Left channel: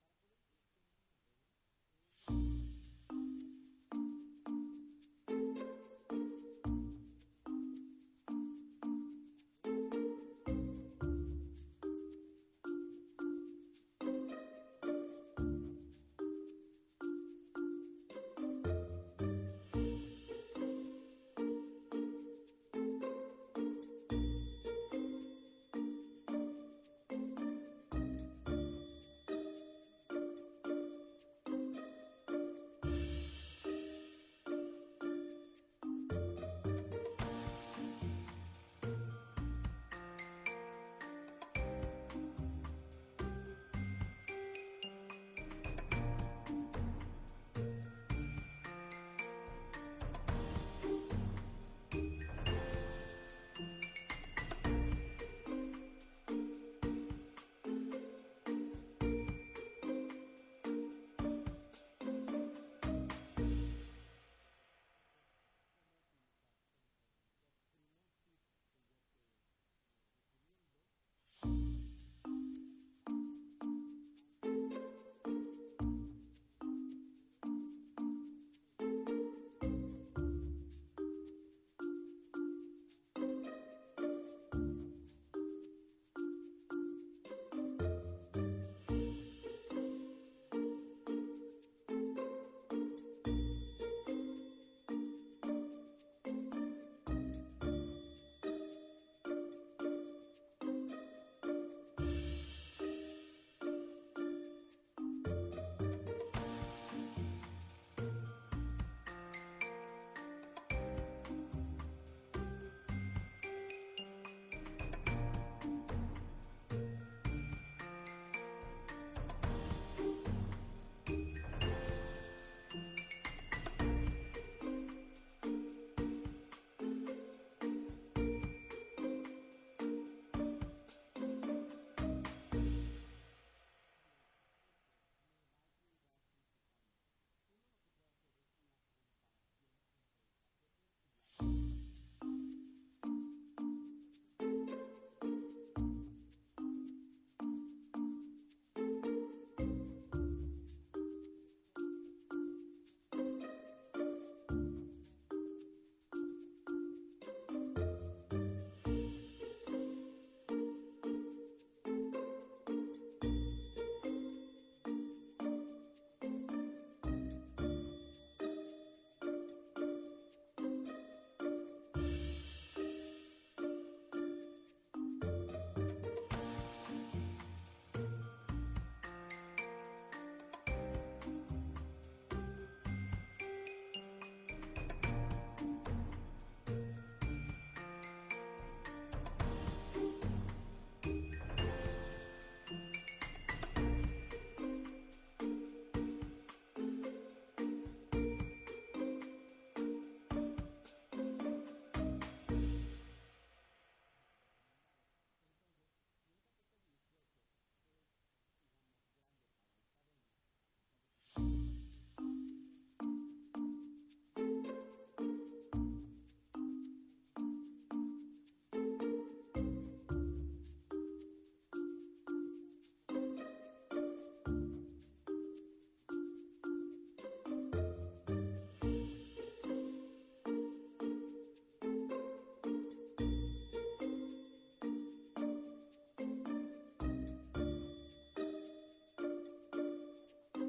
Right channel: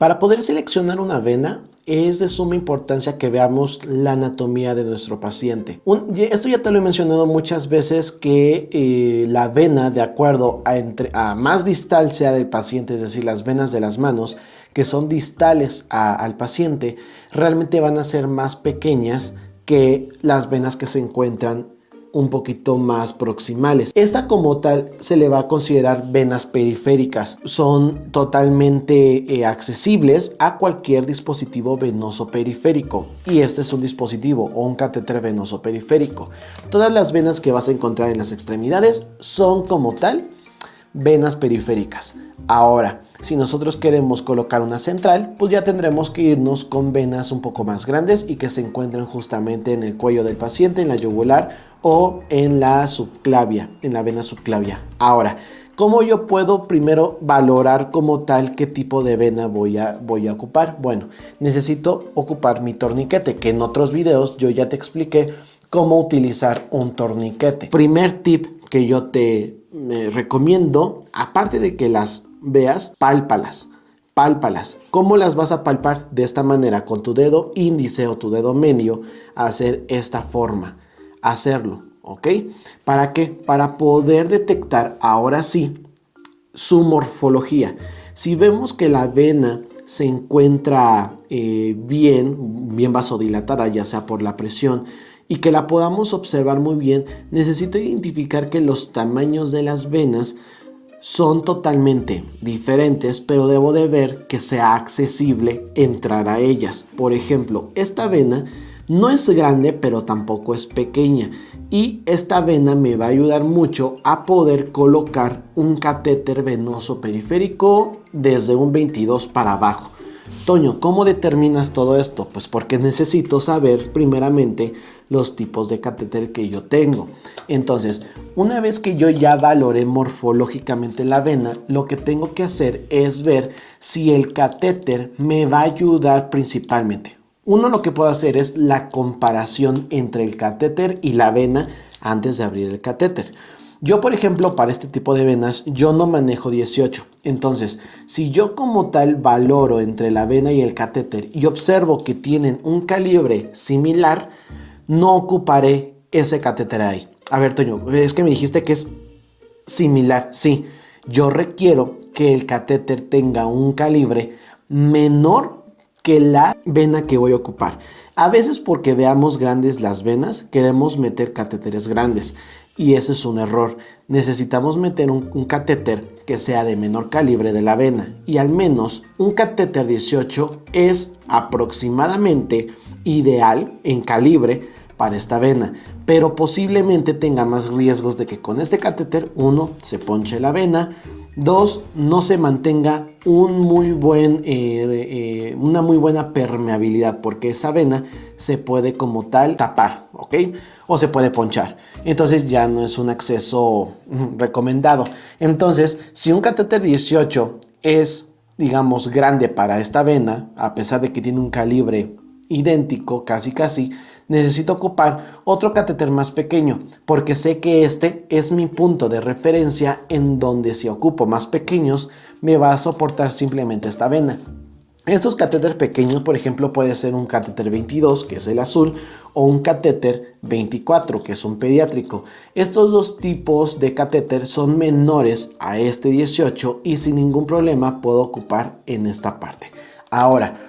Para poder seleccionar una vena, es de suma importancia que veamos la anatomía de nuestro paciente. Esto ya te lo he mencionado muchas veces, que la vena, de acuerdo a más distal sea del paciente, es decir, las venas de las manos que son distales al paciente, realmente van a ser más pequeñas que las venas que se encuentran un poquito más proximales. Esta como tal se le va a considerar venas periféricas. Son totalmente accesibles a cualquier dispositivo venoso periférico, y este es un dispositivo o un catéter venoso periférico. Todas las venas que vas a encontrar en las extremidades son como tal venas periféricas. Ahora, si nosotros queremos colocar una central, pues ya tendremos que irnos con venas un poco más grandes y que se encuentren justamente en el cuello del paciente, en la yugular o en la subclavia, en la vena subclavia. Ahora, ¿cómo yo puedo primero valorar como tal qué tipo de vena voy a ocupar? Bueno, necesito ocupar mi torniquete, que en otros videos yo ya te expliqué cómo utilizar un torniquete. Primer tip que yo te recomiendo, aparte de que las veas, pálpalas. Pálpalas. ¿Cómo las vas a palpar? De esta manera, con tu dedo índice o tu dedo medio, hacer esta forma. Hacerlo, ¿ok? ¿Para qué? Para poder detectar ahora sí su morfología. Si vemos que la vena se encuentra bien vasodilatada, ya sea por la presión, y que la podamos observar muy bien, necesito identificar que los tamaños de las venas son totalmente diferentes, pero debo de ver que sea accesible entrar a ellas. Por ejemplo, esta vena no es grande, pero tampoco es pequeña, y esta vena me va a ayudar mucho a poder colocar un catéter venoso periférico desde un 22 para abajo. Toño, ¿cómo determinas todo esto? Pues porque necesito saber primeramente los tipos de catéter que yo tengo. Entonces, una vez que yo ya valoré morfológicamente la vena, lo que tengo que hacer es ver si el catéter me va a ayudar principalmente. Uno, lo que puedo hacer es la comparación entre el catéter y la vena antes de abrir el catéter. Yo, por ejemplo, para este tipo de venas, yo no manejo 18. Entonces, si yo como tal valoro entre la vena y el catéter y observo que tienen un calibre similar, no ocuparé ese catéter ahí. A ver, Toño, es que me dijiste que es similar. Sí, yo requiero que el catéter tenga un calibre menor que la vena que voy a ocupar. A veces, porque veamos grandes las venas, queremos meter catéteres grandes, y ese es un error. Necesitamos meter un catéter que sea de menor calibre de la vena, y al menos un catéter 18 es aproximadamente ideal en calibre para esta vena, pero posiblemente tenga más riesgos de que con este catéter, 1, se ponche la vena, 2, no se mantenga una muy buena permeabilidad, porque esa vena se puede como tal tapar, ¿ok? O se puede ponchar. Entonces ya no es un acceso recomendado. Entonces, si un catéter 18 es, digamos, grande para esta vena, a pesar de que tiene un calibre idéntico, casi, necesito ocupar otro catéter más pequeño, porque sé que este es mi punto de referencia, en donde si ocupo más pequeños me va a soportar simplemente esta vena. Estos catéteres pequeños, por ejemplo, puede ser un catéter 22, que es el azul, o un catéter 24, que es un pediátrico. Estos dos tipos de catéter son menores a este 18 y sin ningún problema puedo ocupar en esta parte. Ahora,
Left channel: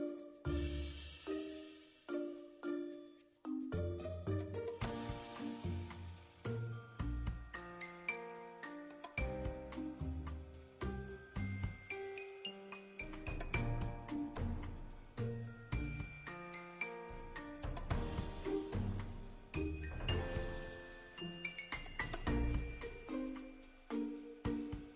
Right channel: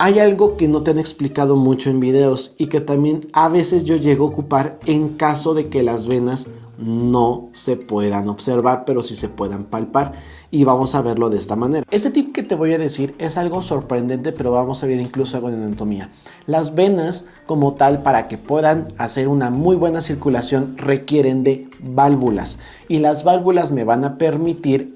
hay algo que no te han explicado mucho en videos y que también a veces yo llego a ocupar en caso de que las venas no se puedan observar, pero sí se puedan palpar, y vamos a verlo de esta manera. Este tip que te voy a decir es algo sorprendente, pero vamos a ver incluso algo de anatomía. Las venas como tal, para que puedan hacer una muy buena circulación, requieren de válvulas, y las válvulas me van a permitir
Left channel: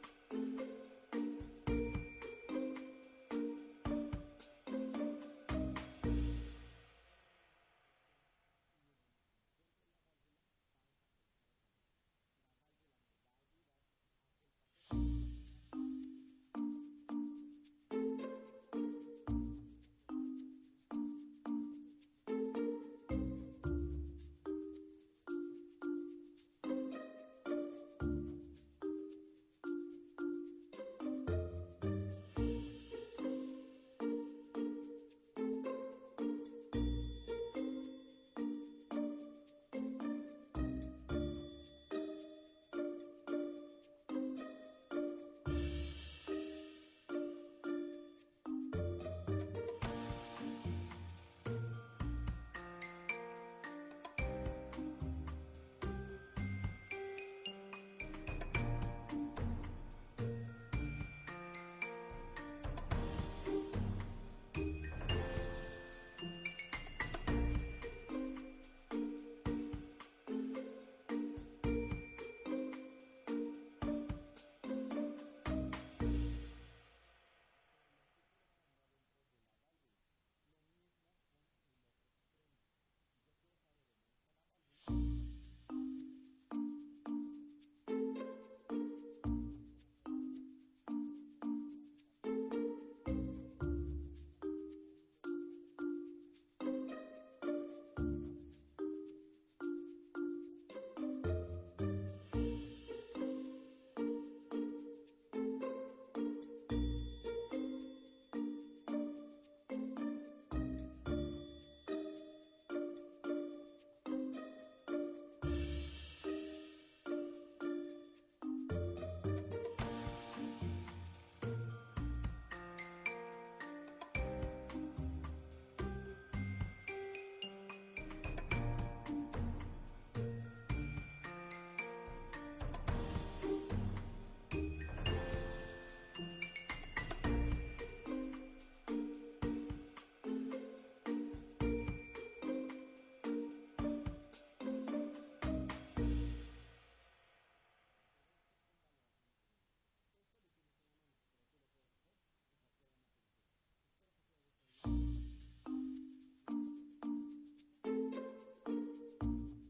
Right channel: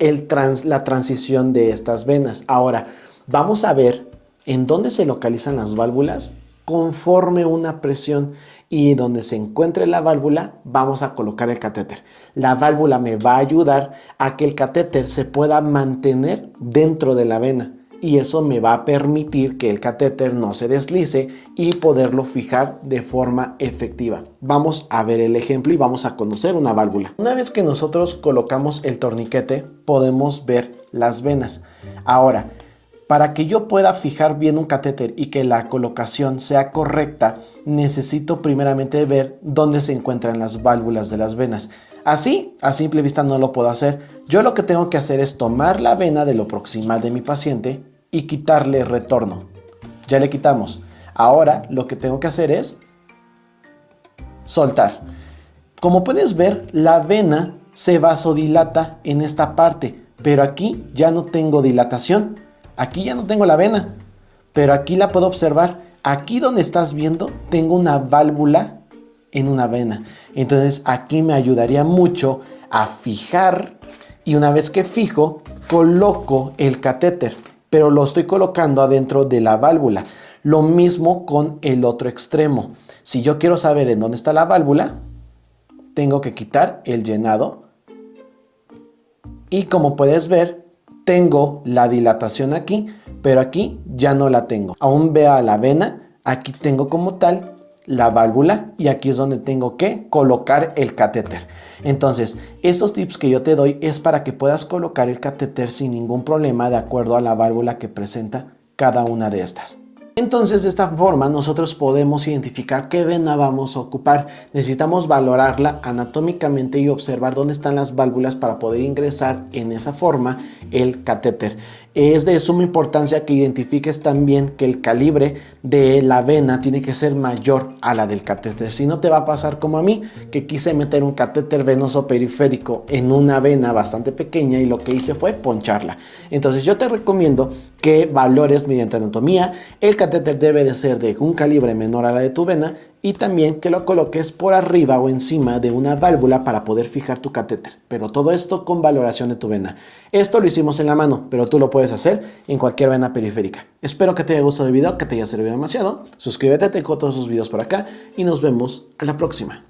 la transición de estas venas. Ahora, vamos a ver en dónde se localizan las válvulas conforme una presión, y donde se encuentre la válvula vamos a colocar el catéter. La válvula me va a ayudar a que el catéter se pueda mantener dentro de la vena, y eso me va a permitir que el catéter no se deslice y poderlo fijar de forma efectiva. Vamos a ver el ejemplo y vamos a conocer una válvula. Una vez que nosotros colocamos el torniquete, podemos ver las venas. Ahora, Para que yo pueda fijar bien un catéter y que la colocación sea correcta, necesito primeramente ver dónde se encuentran las válvulas de las venas. Así, a simple vista no lo puedo hacer. Yo lo que tengo que hacer es tomar la vena de lo proximal de mi paciente y quitarle retorno. Ya le quitamos. Ahora lo que tengo que hacer es soltar. Como puedes ver, la vena se vasodilata en esta parte, pero aquí ya no tengo dilatación. Aquí ya no tengo la vena, pero aquí la puedo observar. Aquí donde estás viendo, tengo una válvula en una vena. Entonces aquí me ayudaría mucho a fijar, y una vez que fijo, coloco el catéter, pero lo estoy colocando adentro de la válvula. Lo mismo con el otro extremo. Si yo quiero saber en dónde está la válvula, tengo que quitar el llenado. Y como puedes ver, tengo la dilatación aquí, pero aquí ya no la tengo. Aún vea la vena, aquí tengo como tal la válvula y aquí es donde tengo que colocar el catéter. Entonces, estos tips que yo te doy es para que puedas colocar el catéter sin ningún problema de acuerdo a la válvula que presenta cada una de estas. Entonces, de esta forma nosotros podemos identificar qué vena vamos a ocupar. Necesitamos valorarla anatómicamente y observar dónde están las válvulas para poder ingresar en esa forma el catéter. Es de suma importancia que identifiques también que el calibre de la vena tiene que ser mayor a la del catéter. Si no, te va a pasar como a mí, que quise meter un catéter venoso periférico en una vena bastante pequeña y lo que hice fue poncharla. Entonces yo te recomiendo que valores mediante anatomía. El catéter debe de ser de un calibre menor a la de tu vena y también que lo coloques por arriba o encima de una válvula para poder fijar tu catéter. Pero todo esto con valoración de tu vena. Esto lo hicimos en la mano, pero tú lo puedes hacer en cualquier vena periférica. Espero que te haya gustado el video, que te haya servido demasiado. Suscríbete, tengo todos sus videos por acá y nos vemos a la próxima.